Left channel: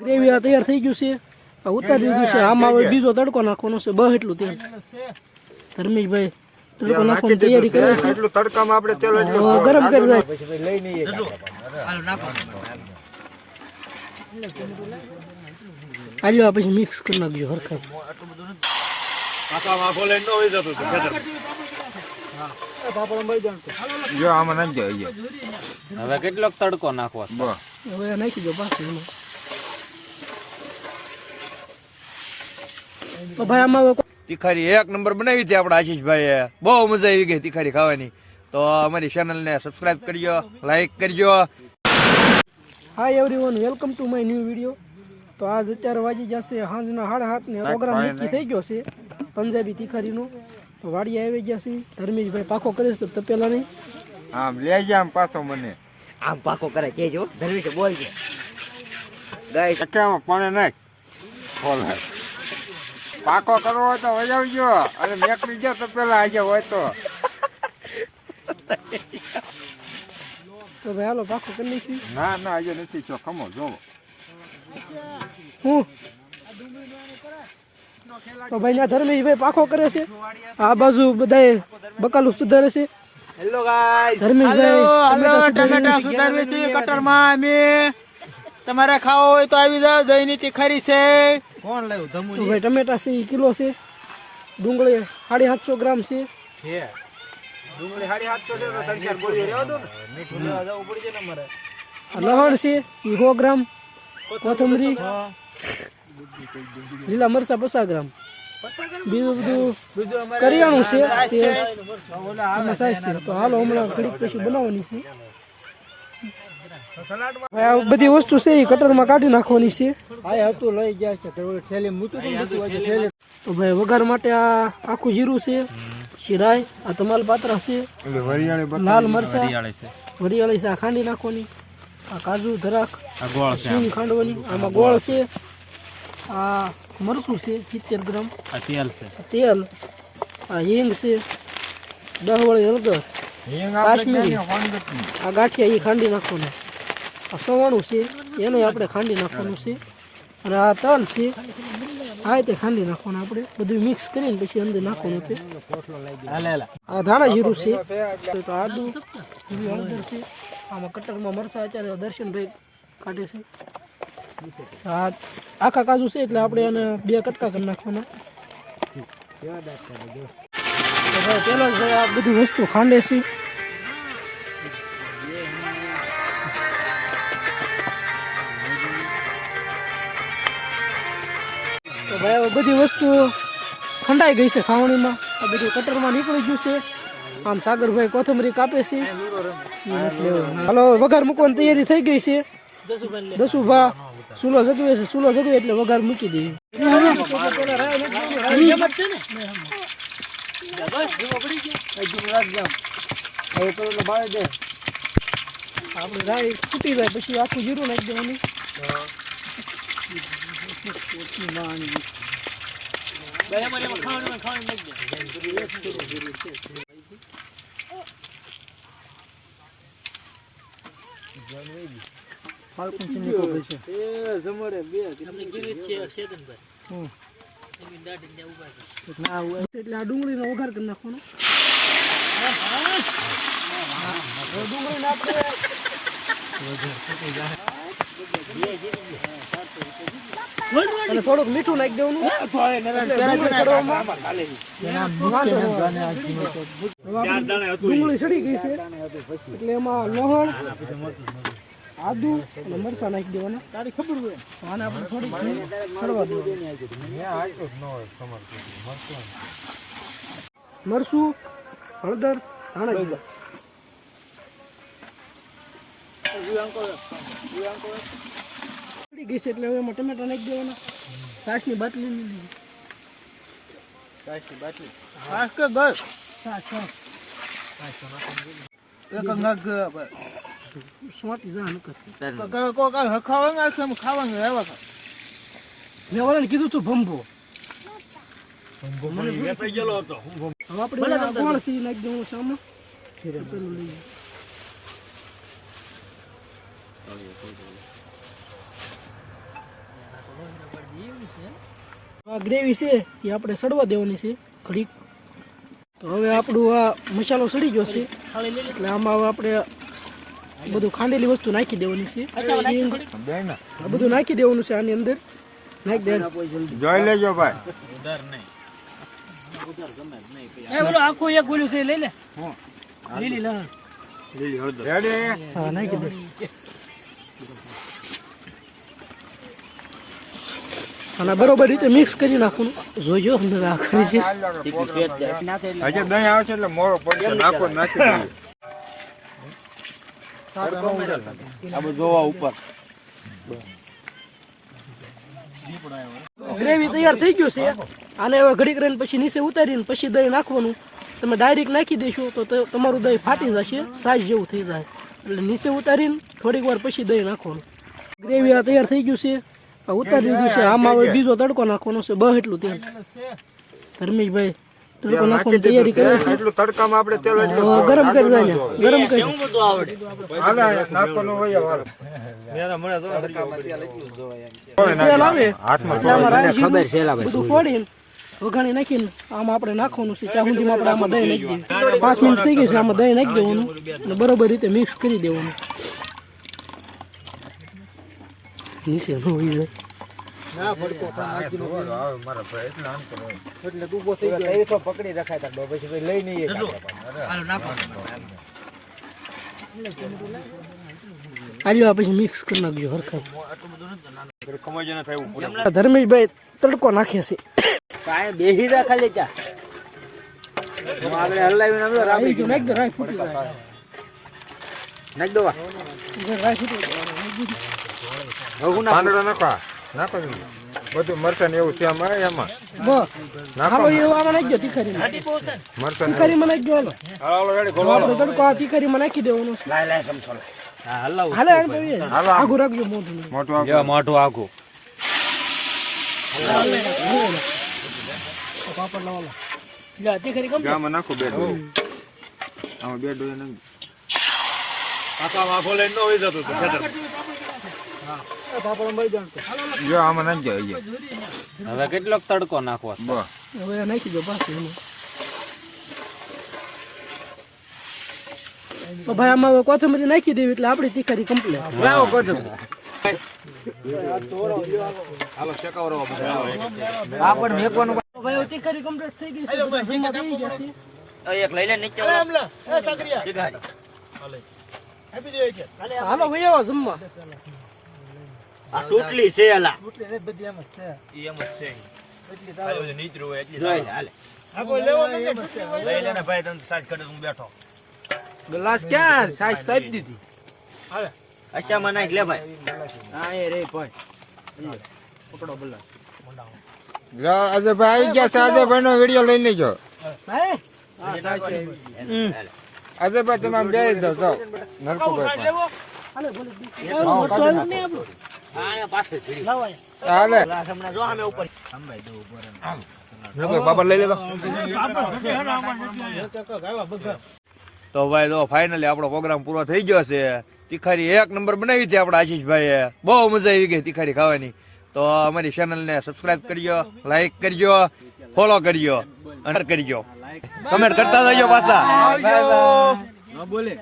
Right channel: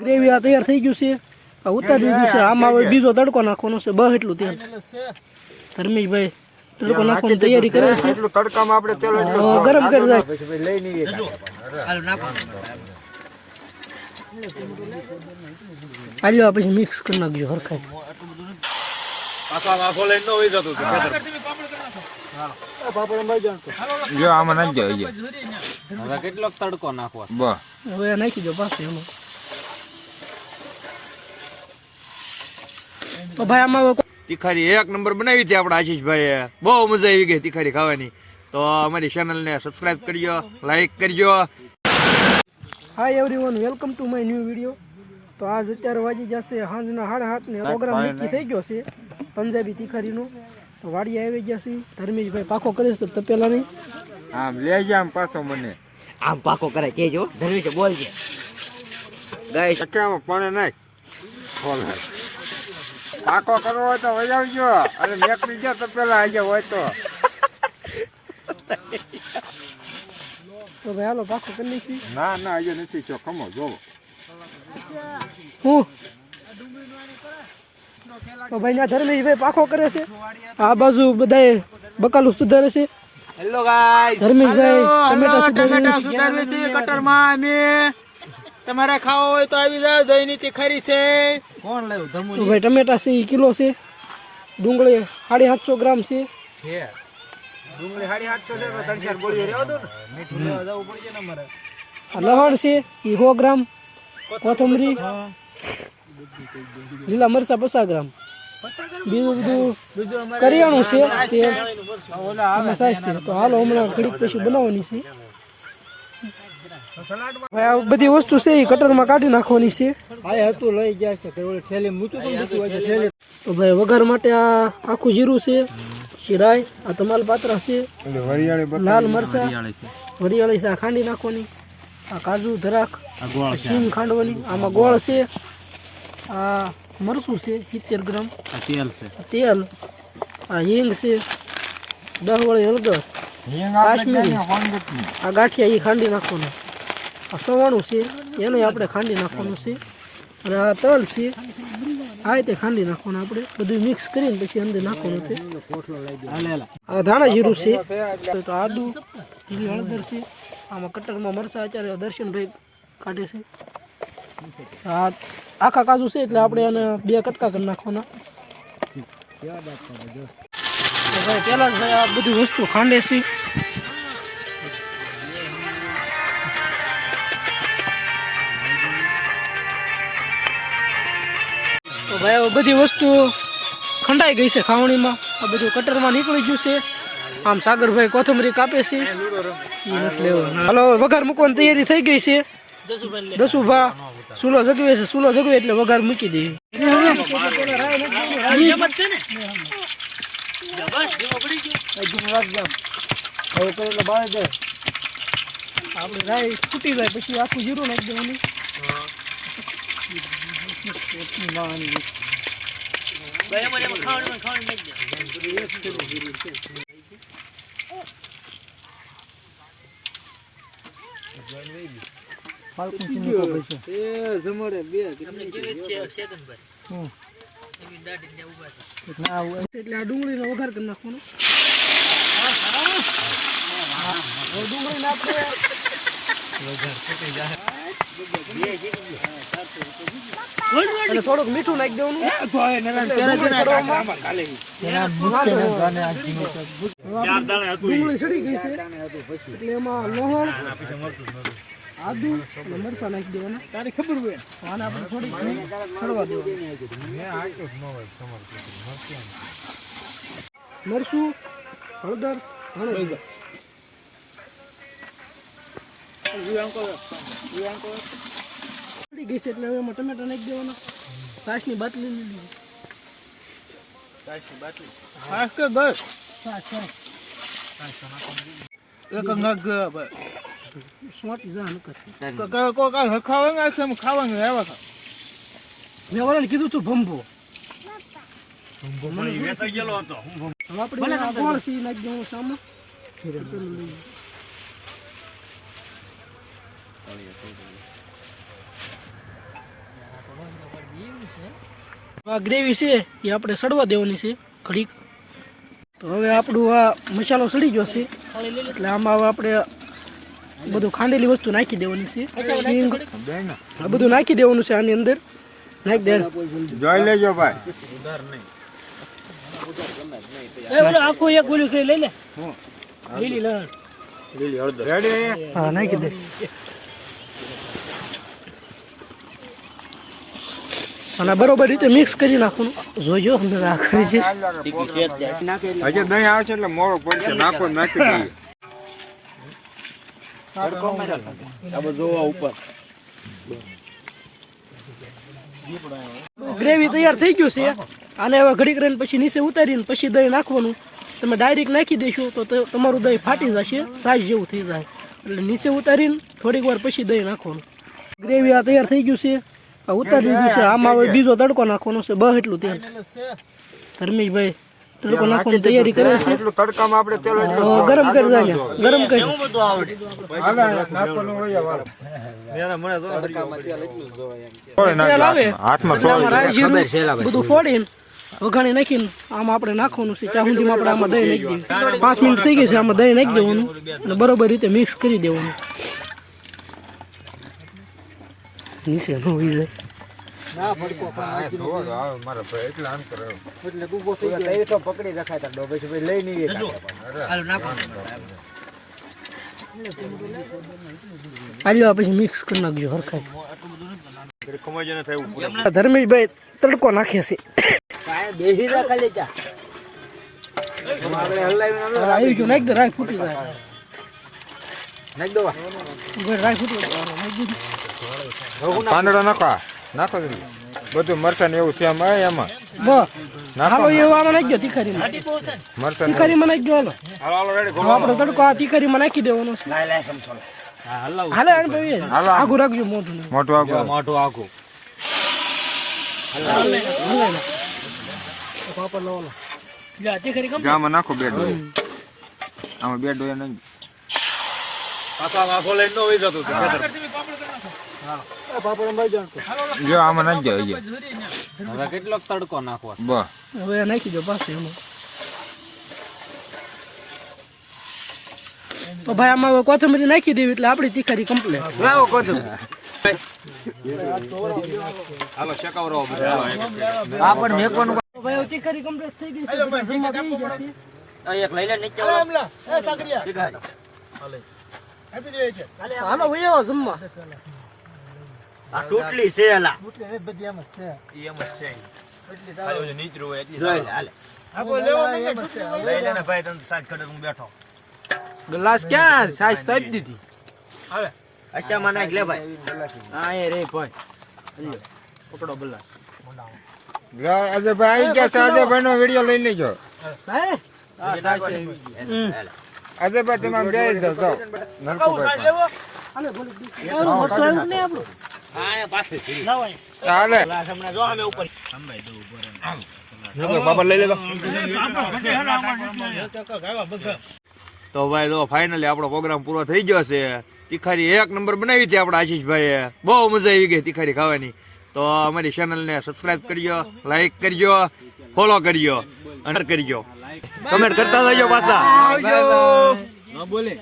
Gravy આ તૈયાર થઈ ગયું છે. આ ઉતારી દીધું છે. આમાં હવે બીજો તડકો નાખવાનો છે. બસ એટલું તેલ. ધર્મેશભાઈ તડકો નાખવાની તૈયારી કરે છે. એટલું તડકામાં આપણે તેલ ગરમ કરી જાય. આલ્યો પછી મિક્સ કરી નાખજો હરખાઈ. હવે કેટલો તડકો નાખવો? હવે નાખી દો પાછું એમાં. તો ભાઈ આમાં તીખારી એક નંબર બનાવી હતી આપણા આશીષભાઈએ. બહુ મજા આવી ગઈ તીખારી ખાવાની. તો અમારી ચેનલને સબસ્ક્રાઇબ કરજો, લાઈક કરજો. Hi everyone, welcome to my new video. તો આજ અત્યારે વાગી જશે સાંજના 7:30 ને પ્રોગ્રામ નક્કી થઈ ગયો છે પંજાબી તીખારીનો. તો વાડી આવી ગયા છે. ધર્મેશભાઈ પાકો કરે છે તપેલા નહીં. આમ લઈ જા આમ પાછો મને. આમ પાકો કરે કેજો. ધર્મેશ બોલજે. ગાઈસ કચામાં પાણી નાખ. પાકો કરવો હોય તો વજાવજો. અને મેકડી ગયો તો પેલા આજે હોય તો ભાઈ હાલો પાકો કરી નાખી. ના ના આજે નથી છો ખમો જોવો. હું તો ભાઈ ના ધર્મેશભાઈ પાકો કરે છે. આ બાજુ બધાએ બકાલું સુધારે છે. હેલો ગાઈસ, ધર્મેશભાઈ ટમેટા સુધારે છે કટરમાં. અમે તમારે ખાવો હોય તો આવી જાવ. દહીંની તીખારી છે. કોણ લાવ્યું? તો ભાઈ ટમેટા છે એ કિલો છે. ડુંગળી 750 ગ્રામ છે. ડુંગળી 750 છે. 300 બોલીઓ રહેવા દો ને. મીઠું લેવા જવું પડી જાય ને અમારે. લહણ છે એ 100 ગ્રામ. કોથમરી, લીલા મરચા 50 ગ્રામ. બીજું બધું કરિયાણું છે તે આમાં સાઈઝ છે. તો હાલો હમણાં ઘડીક પછી બનાવવાની છે. ભાઈ આ બધી વસ્તુ છે એ કટરમાં કાઢી નાખવાની છે. તો ભાઈ વઘાર માટે આ આખું જીરું છે, શિરાય, આ તમાલપાત્રા છે, લાલ મરચા, વરિયાળી છે, આ ખાંડી નાખવાની, આ કાજુ ધરાક, સિંગ ખાંડવાની, આમાં ગોળ છે, આ મરચું છે 70 ગ્રામ, તેલ, આ હિંગ છે, 10 વળી હળદર, કાશ્મીરી, આ ગાંઠિયા એ ખાંડી નાખવાનું, આ સવાણું છે એને આપણે ખાંડી નાખવાનું છે, અને આ તલ છે આ રીતે ખાંડી નાખવાનું. આપણે બધું મિક્સ કરીને પછી અંદર નાખવાનું છે. આ ધાણા જીરું છે, તો આદુ, જીરી, હળદર છે. આમાં કટરમાં મરચા અત્યારે દર્શનભાઈ કાઢે છે. આ આખા કાજુ છે એટલે આપણે એને 2 કટકા કરી નાખવાના. તો ભાઈ પહેલા જ ભાઈ આ બધી વસ્તુ ખાંડે છે. તો ભાઈ હવે બધી વસ્તુ ખંડાઈ ગઈ છે ખાવણીમાં. આ બધું કટરમાં નીકળી ગયું છે. આમ સાગરભાઈ કોથમરી કાપે છે એ નથી લેવું. હાલો વઘાર મૂકવાની તૈયારી થઈ ગઈ છે. દસુભા ચૂલો જગવે છે. ચૂલો જગવે એટલે વઘાર મૂકી દઈએ. આપણે ગાય ફૂટી જાય પછી આખું જીરું નાખી દેવાનું. એટલે આ ડુંગળીનો વઘાર કરી નાખવાનો. ડુંગળી આપણે અને થોડુંક મીઠું નાખી દેવાનું. ડુંગળી સડી ગઈ છે એટલે એમાં લહણ, આદુ અને મરચા નાખી દેવાના. તારી ખબર હોય આને આપણે થોડીક છોડવા દેવાનું. મરચું, હળદર, ધાણા જીરું સડી ગઈ છે એટલે હવે એમાં ટમેટા નાખી દેવાના. છાશની બાટલી છાશ કે ગસ એક નગ સ્વાટી જા નકર ખાવાનું આવ્યા હતા. મેં વાળાને કીધું તું ભંભો મને વેચાઈ ગયેલો હતો. હવે આપણે ગોળ સી નાખી દેવાનું સામે. આ ગ્રેવી છે એ આપણે સડવા દેવાની છે ઘડીક. તો હવે આપણું આ મસાલો સડી ગયો છે એટલે આમાં હવે આપણે બધું ખાંડેલી વસ્તુ નાખી દેવાની છે. શીંગ આ બધું નાખી દેવાનું છે આની અંદર. નાખી દે જોઈ લેજો ભાઈ. આખું એક બોલ્યું છે લઈ લે. લીલી હળદર રેડી. હા નાખી દે. અને બરોબર રીતે મિક્સ કરી નાખવાનું. જોજો અંદર આખરી છે. હજી દહીં આવશે એટલે મોરો પડશે. નાખો નાખી દઈએ. ગ્રેવી તૈયાર થઈ ગયું છે. આને હવે ઘડીક રહીને પછી નીચે ઉતારીને પછી દહીં નાખવાનું. તમે ડાયરેક્ટ નાખી દેશો તો તમારું દહીં ફાટી જશે, સાઈઝ જેવું થઈ જાય. એટલે નીચે ઉતારીને થોડીક વાર પછી દહીં નાખવાનું. ગ્રેવી આ તૈયાર થઈ ગયું છે. આ ઉતારી દીધું છે. આમાં હવે બીજો તડકો નાખવાનો છે. એટલું તેલ ધર્મેશભાઈ તડકો નાખવાની તૈયારી કરે છે. એટલું તડકામાં આપણે તેલ ગરમ કરી જાય. ગરમ કરી નાખવાનું હોય વાળ. તેલ આવે એટલે આમાં રાઈ જીરું બધું ફોડીને વઘાણી નાખીને આમાં આપણે નાખવાનું છે. ત્યાં સુધીમાં આપણે આમાં દહીં નાખી દઈએ. 5 મિનિટ થઈ ગઈ છે. આમાં દહીં નાખી દેવાનું અને બરોબર રીતે મિક્સ કરી દેવાનું. નીચે ન હોઈ જાય. પકડી રખાય તાર પછી લઈ નહીં. આલ્યો પછી મિક્સ કરી નાખજો હરખાઈ. ધર્મેશભાઈ તડકો નાખે છે. બેહી રાખા લે ચા આવી ગયો. નાખ દે. રાઈ ફૂટી જાય. નાખ દો રાઈ ફૂટી જાય. નાખો બધું મરચાં એવું છે એમાં. બસ હાલો એવું આમાં નાખજો. તીખારીમાં તીખારીમાં નાખજો. હાલો આપણો તડકો આ તીખારીમાં નાખી દેવાનો છે. હાલે આગું રાખજો. મોઢું મોટું આખું. આમાં નાખો બે ડોયા. આમાં બે ડોયા નહીં. જો આમાં નાખી જાય. હવે કેટલો તડકો નાખવો? બસ હવે નાખી દો પાછું એમાં. તો ભાઈ આમાં હવે કોથમરી નાખી દેવી એટલે આપણી તીખારી કમ્પ્લીટ. લાવો કોથમરી. આપણ મેકવાનું ભાઈ તીખારી કમ્પ્લીટ થઈ ગઈ છે. જમવા બેસી જશે. એક લઈ લે નીચે. હાલો ભાઈ આવો જમવા. આ ટોટલી છે એલા. ગ્લાસ ક્યાં સાઈઝ કરી દીધી. અચ્છા મને લે ભાઈ. હા એ રે ભાઈ પકડો ગ્લાસ. અજયભાઈ આવી ગયા છે. અજયભાઈ નો વિડીયો લઈ લેજો. અજયભાઈ તમે બે જાઓ. નરકુભાઈ બાબા લઈ લેલો. તો ભાઈ તો ફાઇનલી આપણો પ્રોગ્રામ પૂરો થઈ ગયો છે. તીખારી 1 નંબર બનાવી હતી આપણા આશીષભાઈએ. બહુ મજા આવી ગઈ તીખારી ખાવાની. તો અમારી ચેનલને સબસ્ક્રાઇબ કરજો, લાઈક કરજો, ફોલો કરજો અને કરજો. કમેન્ટ કરતા જજો પાછા. બોલે